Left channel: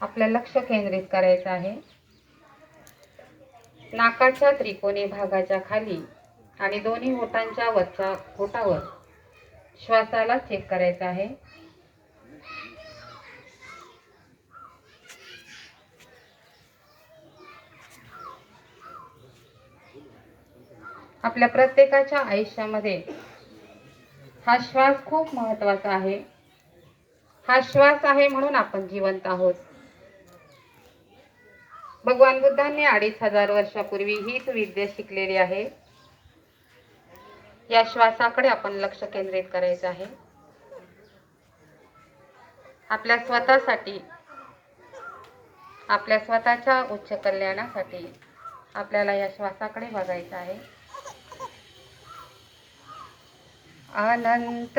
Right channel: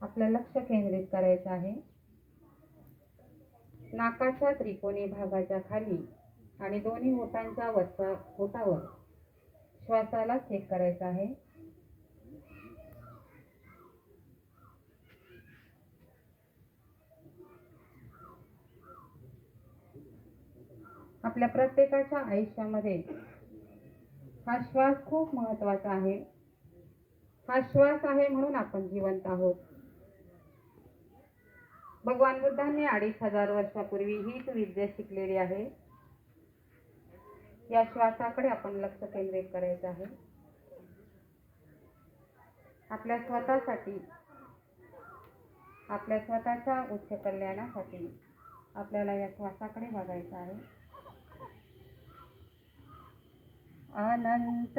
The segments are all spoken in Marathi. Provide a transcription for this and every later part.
आपलं लक्ष केंद्रित करायचं आहे. नाकाच्या त्रिकोणी भागाच्या खाली आणि दोन्ही ओठांच्या वरच्या ओठावर श्वासाला चेक करायचा आहे. आपल्या प्रत्येकाच्या आयुष्यामध्ये हा श्वास खूप महत्त्वाचा आहे. हा श्वास आहे म्हणून आपण जिवंत आहोत. भगवान बुद्धांनी अडीच हजार वर्षापूर्वी हीच विद्या शिकलेली आहे. या श्वासाकडे आपण लक्ष केंद्रित करायचं आहे. आपल्या स्वतःसाठी आपल्या स्वतःच्या उच्च कल्याणासाठी आपल्याला या श्वासाकडे बघायचं आहे. अनंत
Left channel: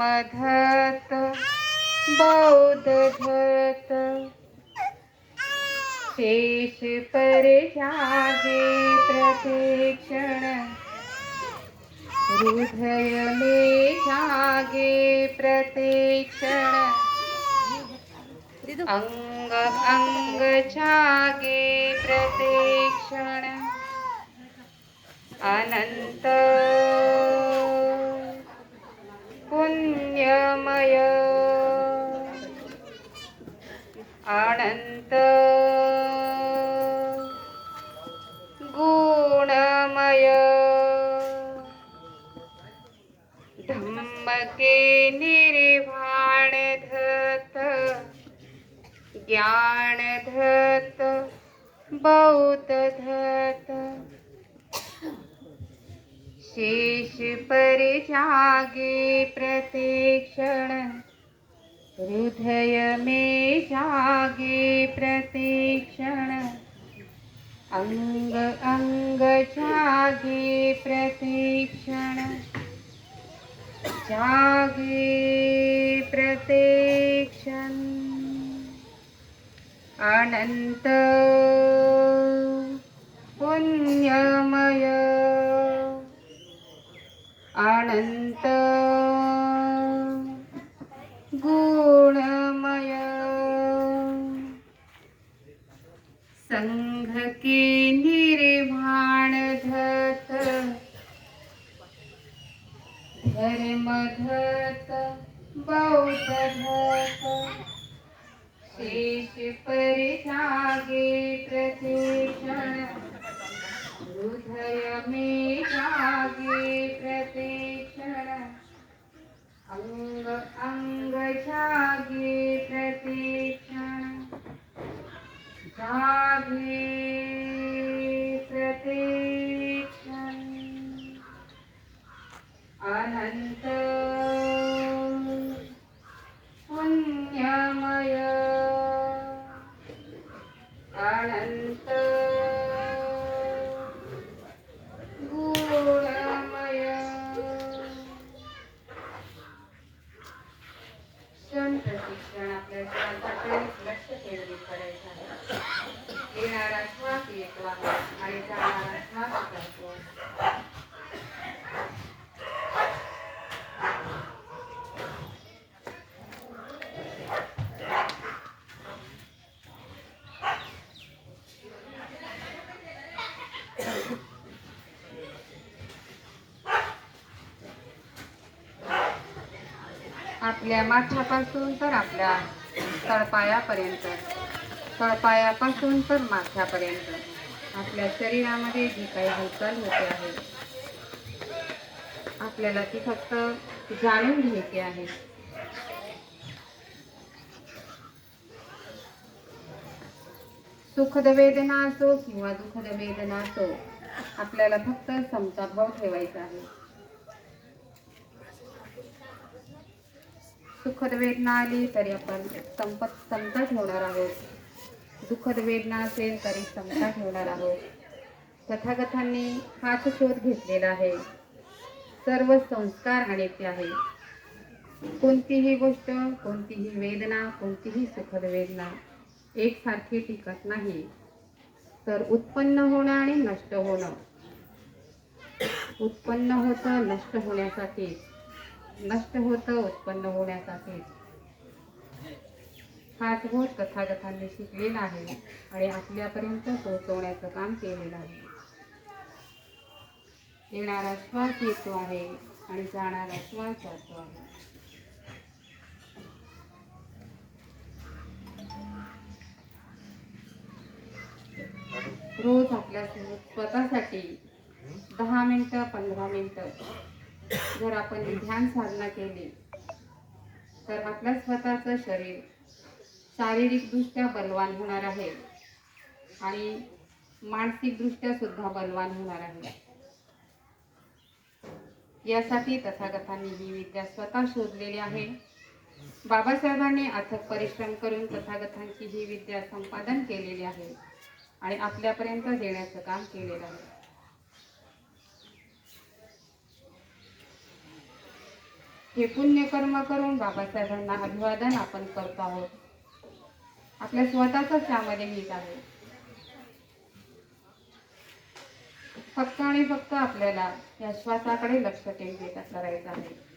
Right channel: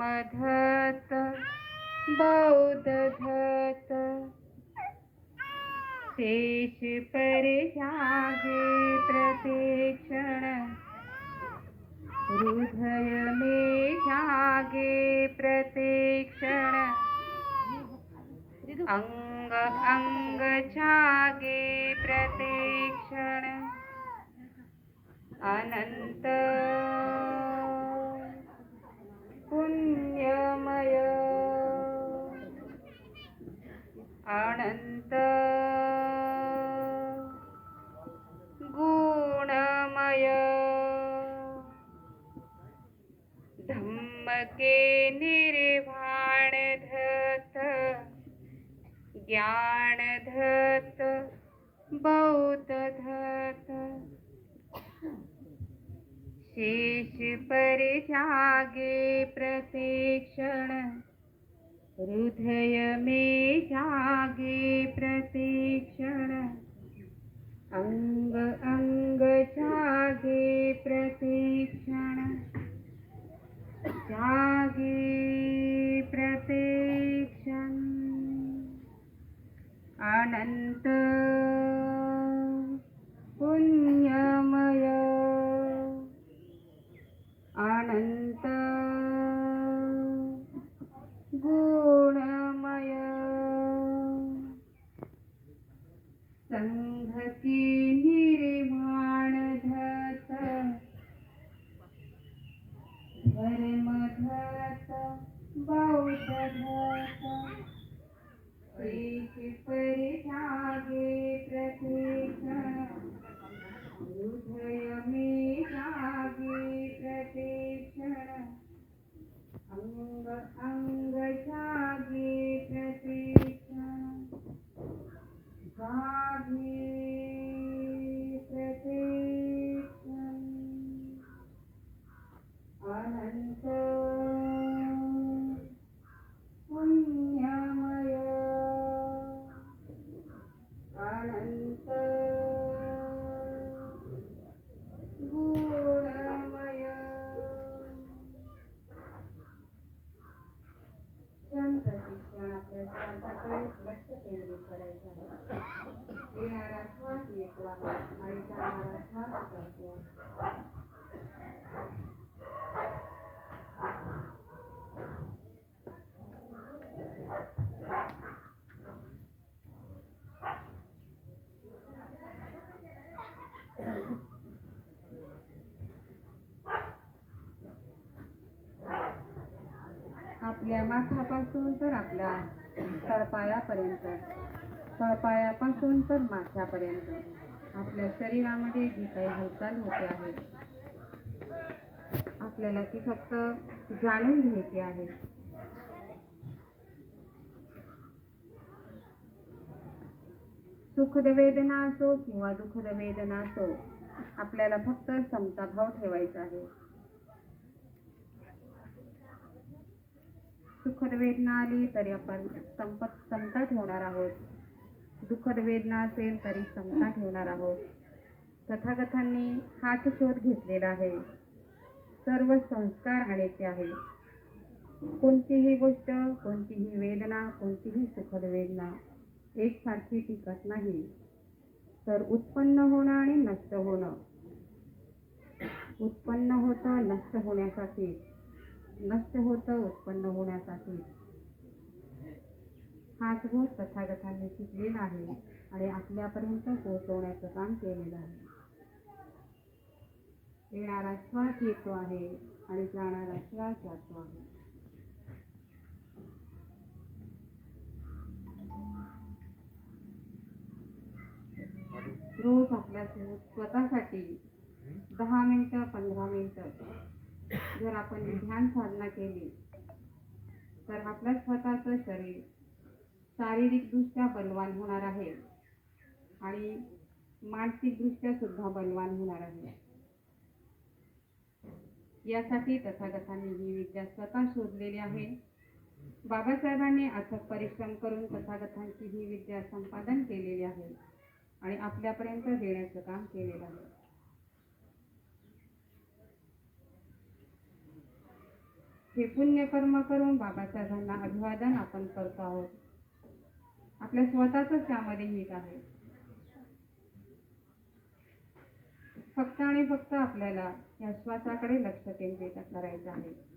मधत बौद्ध धत। शेष परे जागे प्रतिक्षण। हृदय मे जागे प्रतिक्षण। अंग अंग जागे प्रतिक्षण। अनंत नित्यमय अनन्त। गुणमय। धम्मके धत। बौद्ध धत ज्ञान धत बौद्ध धत शेष पर जागे हृदय मे जागे प्रतिक्षण। अंग अंग जागे प्रतीक्षण। जागे प्रतिक्षण। अनंत शेष पर जागे प्रतिक्षण हृदय में जागे प्रतिक्षण अंग अंग छा क्षण प्रतिक्षण आपल्या श्वासाकडे लक्ष केंद्रित करायचं आहे. येणारा श्वास येतो आहे आणि जाणारा श्वास करतो आपल्या माथ्यापासून तर आपल्या तळपायापर्यंत. तळपायापासून तर माथ्यापर्यंत. आपल्या शरीरामध्ये जी काही हालचाल होते आहे आपल्याला ती फक्त जाणून घ्यायची आहे. सुखद वेदना असो किंवा दुःखद वेदना असो आपल्याला फक्त समता भाव ठेवायचा आहे. सुखद वेदना आली तरी आपण संपत समता ठेवणार आहोत. दुःखद वेदना असेल तरी समता ठेवणार आहोत. तथागतांनी हाच शोध घेतलेला आहे. सर्व संस्कार आणायचे आहे. कोणतीही गोष्ट कोणतीही वेदना कोणतीही सुखद वेदना एकसारखी टिकत नाही. तर उत्पन्न होणं आणि नष्ट होणं. उत्पन्न होतं नष्ट होण्यासाठी. नष्ट होतं उत्पन्न होण्यासाठी हाच बोध तथागतांनी शिकलेला आहे आणि आपल्यापर्यंत पोहोचवण्याचं काम केलेलं आहे. येणारा श्वास येतो आहे आणि जाणारा श्वास जातो आहे. रोज आपल्या स्वतःसाठी दहा मिनटं पंधरा मिनटं जर आपण ध्यान साधना केली तर आपल्या स्वतःचं शरीर शारीरिकदृष्ट्या बलवान होणार आहे आणि मानसिकदृष्ट्या सुद्धा बलवान होणार आहे. यासाठी तथागतांनी ही विद्या स्वतः शोधलेली आहे. बाबासाहेबांनी अथक परिश्रम करून तथागतांची ही विद्या संपादन केलेली आहे आणि आपल्यापर्यंत देण्याचं काम केलेलं आहे. हे पुण्यकर्म करून बाबासाहेबांना अभिवादन आपण करतो आहोत. आपल्या स्वतःच त्यामध्ये हित आहे. फक्त आणि फक्त आपल्याला या श्वासाकडे लक्ष केंद्रित करायचं आहे.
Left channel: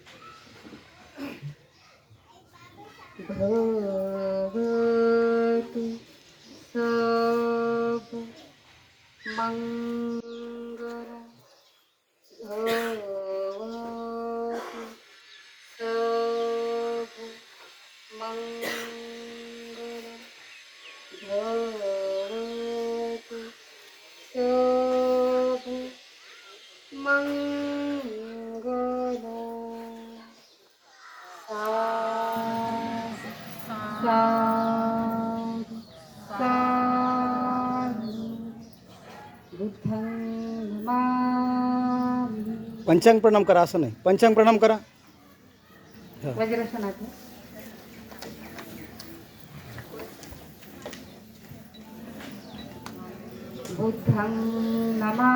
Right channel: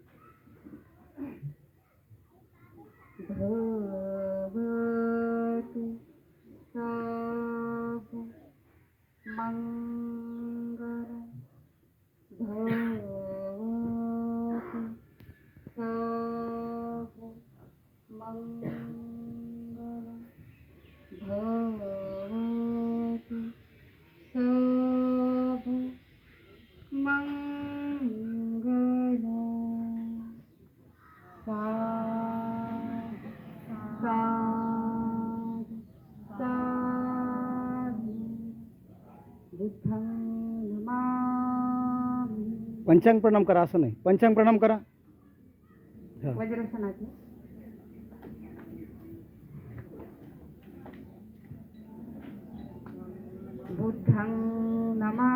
मंग पंचांग प्रणाम करा असं नाही. पंचांग प्रणाम करा. हा. वज्रासनात बुद्धं नमामि.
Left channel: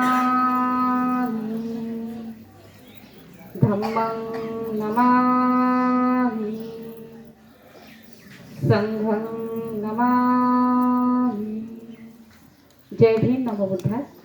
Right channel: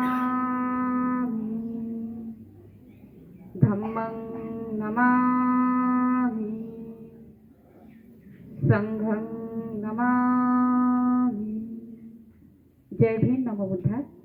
धम्मं नमामि. संघं नमामि. जय भीम नमो बुद्धाय.